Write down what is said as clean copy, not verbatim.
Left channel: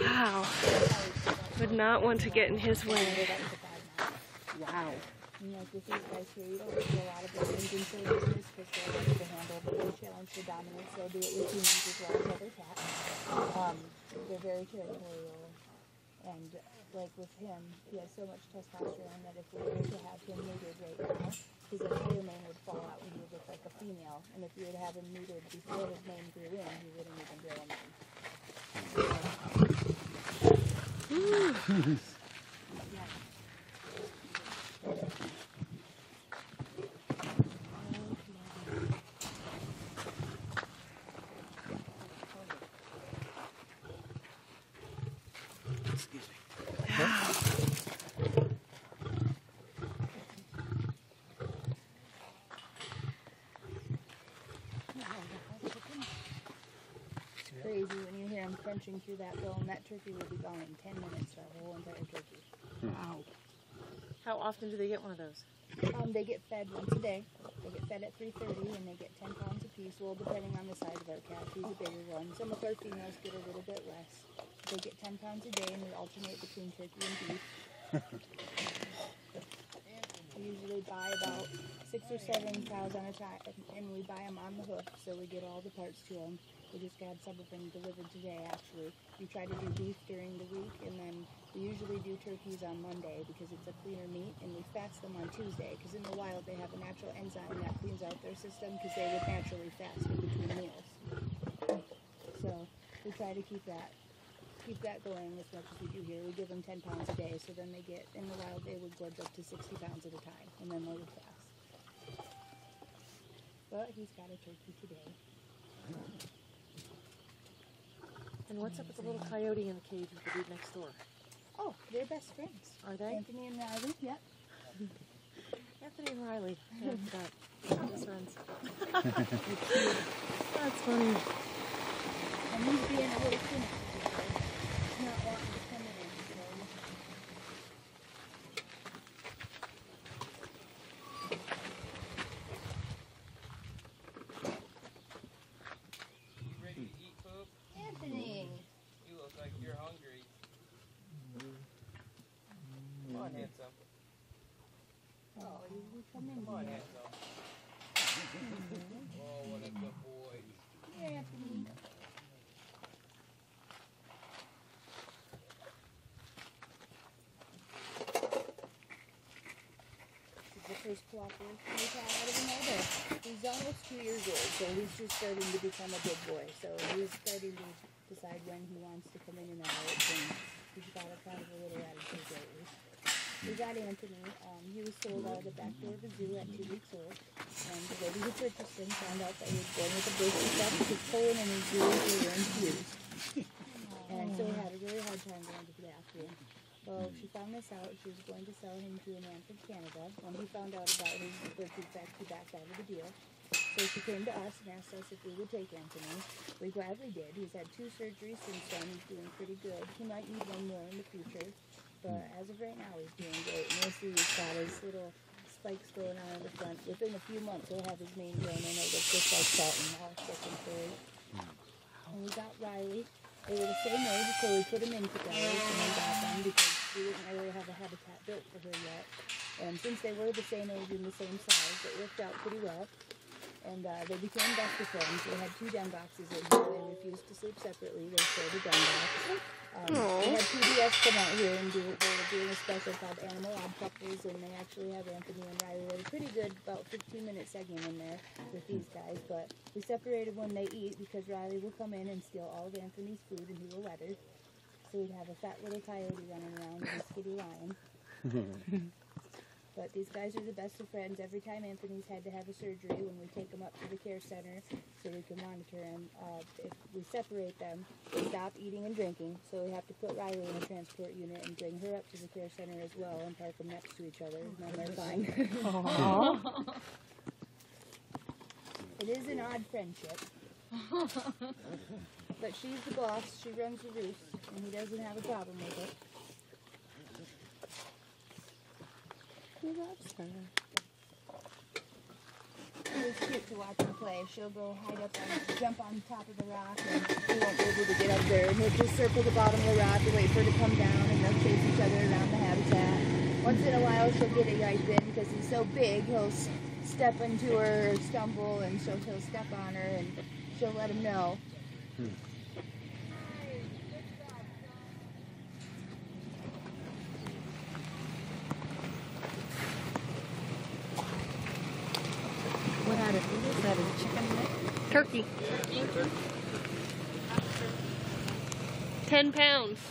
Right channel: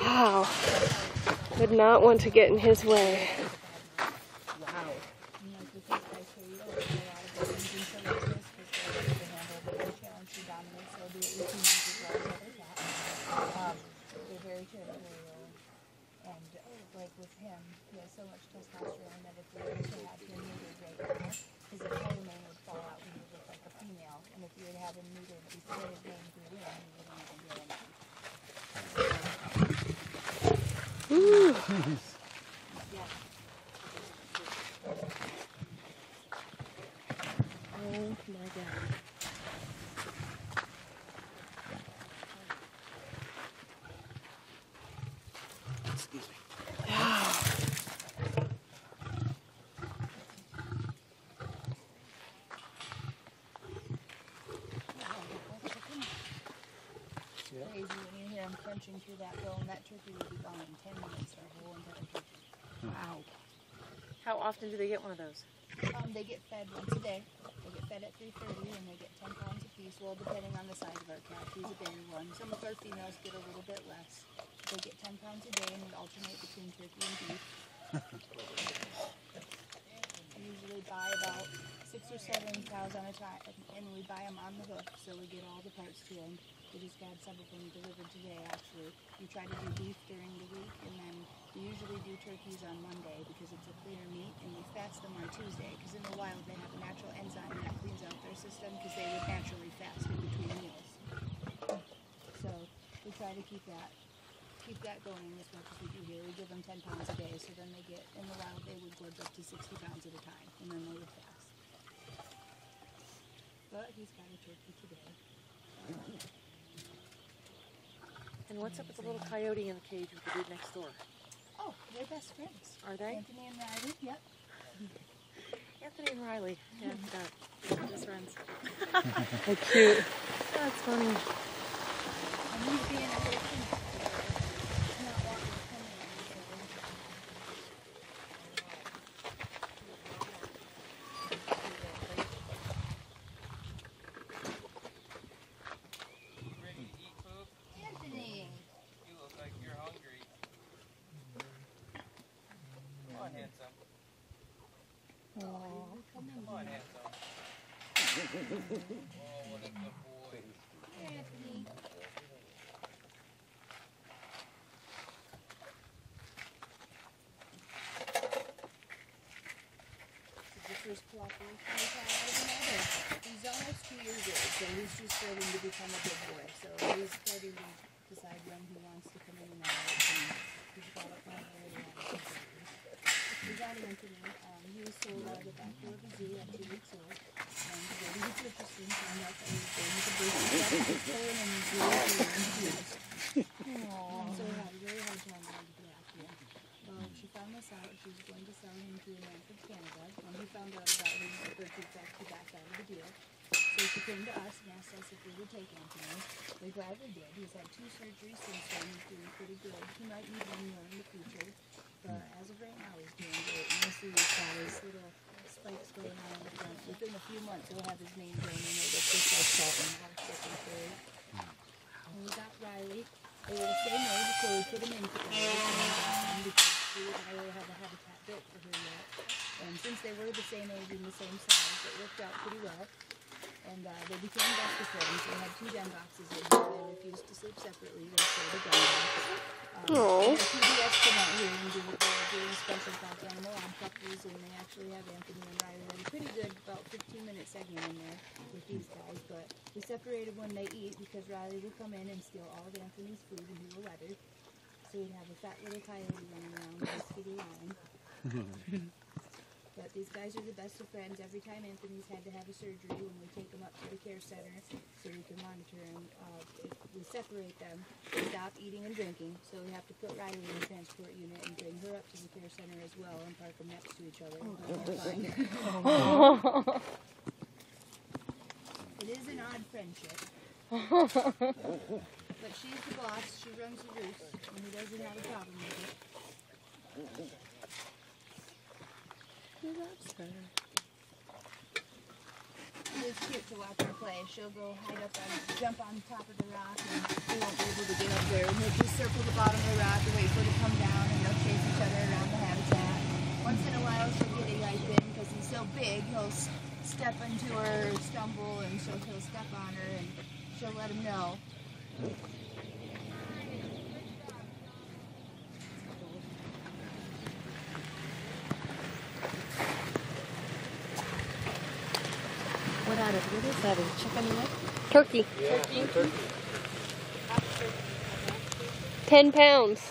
Wow. Would not want to get in his way. Wow. You know, with these guys here, you don't see a lot of women's in show business because they're able to handle the challenge for dominance. They'll do it with humans as well as other cats. They're very territorial. And like with him, he has so much testosterone that if we were to have him neutered right now, his entire mane would fall out and he would look like a female. And if you were to have him neutered before his mane grew in, he wouldn't even grow a mane. Ooh. Yeah. Oh my God. Excuse me. Wow. It's crazy when you hear him crunching through that bone. That turkey would be gone in 10 minutes, that whole entire turkey. Wow. How often do they get one of those? They get fed once a day. They get fed at 3:30 and they get 10 pounds apiece, well, depending on the size of our cat. He's a bigger one. Some of our females get a little bit less. They get 10 pounds a day and we alternate between turkey and beef. We usually buy about 6 or 7 cows on a time, and we buy them on the hook, so we get all the parts to them. We just had some of them delivered today, actually. We try to do beef during the week, and then we usually do turkeys on Monday because it's a cleaner meat, and we fast them on Tuesday because in the wild they have a natural enzyme that cleans out their system because they would naturally fast in between meals. So we try to keep that going as much as we do here. We give them 10 pounds a day, so then they get, in the wild, they would gorge up to 60 pounds at a time, and then they would fast. But he's got a turkey today. And what's up with the little coyote in the cage with the dude next door? Oh, they're best friends. Are they? Anthony and Riley, yep. Anthony and Riley. Yeah, best friends. How cute. That's funny. And he's being a little timid. He's not wanting to come in, so. Ready to eat, Poop? Anthony! You look like you're hungry. Come on, handsome. Oh, come in. Come on, handsome. Oh, what a good boy. Here, Anthony. This is the first cooperation we've had out of him all day. He's almost 2 years old, so he's just starting to become a big boy. So he's starting to decide when he wants to come in and out, and he's got a kind of a little attitude lately. We got Anthony. He was sold out of the back door of the zoo at 2 weeks old. And the lady who purchased him found out that he was born with a birth defect, his colon, and his DNA were infused. And so we had a really hard time going to the after him. Well, she found this out. She was going to sell him to a man from Canada. When he found out about his birth defect, he backed out of the deal. So she came to us and asked us if we would take Anthony. We gladly did. He's had 2 surgeries since then. He's doing pretty good. He might need 1 more in the future. But as of right now, he's doing great. And you'll see he's got his little spikes going on in the front. Within a few months, he'll have his mane grown in. It'll look just like salt and all thick and furry. And we got Riley. They were the same age, so we put him in together. And we got them because we didn't really have a habitat built for her yet. And since they were the same age and the same size, it worked out pretty well. And they became best of friends. They had 2 den boxes in here. They refused to sleep separately. They shared a den box. They had PBS come out here and they were doing a special called Animal Odd Couples, and they actually have Anthony and Riley. They were pretty good, about 15-minute segment in there with these guys. But we separated when they eat because Riley would come in and steal all of Anthony's food, and he will let her. So we'd have a fat little coyote running around with a skinny lion. But these guys are the best of friends. Every time Anthony's had to have a surgery, when we take them up to the care center so we can monitor him, if we separate them, they stop eating and drinking. So we have to put Riley in a transport unit and bring her up to the care center as well and park them next to each other. And they're fine. It is an odd friendship. But she's the boss. She runs the roost, and he doesn't have a problem with it. Well, that's better. It's cute to watch her play. She'll go hide up and jump on top of the rock, and she won't be able to get up there, and he'll just circle the bottom of the rock and wait for it to come down, and they'll chase each other around the habitat. Once in a while, she'll get a yipe in because he's so big. He'll step into her or stumble, and he'll step on her, and she'll let him know. What is that? A chicken leg? Turkey. 10 pounds.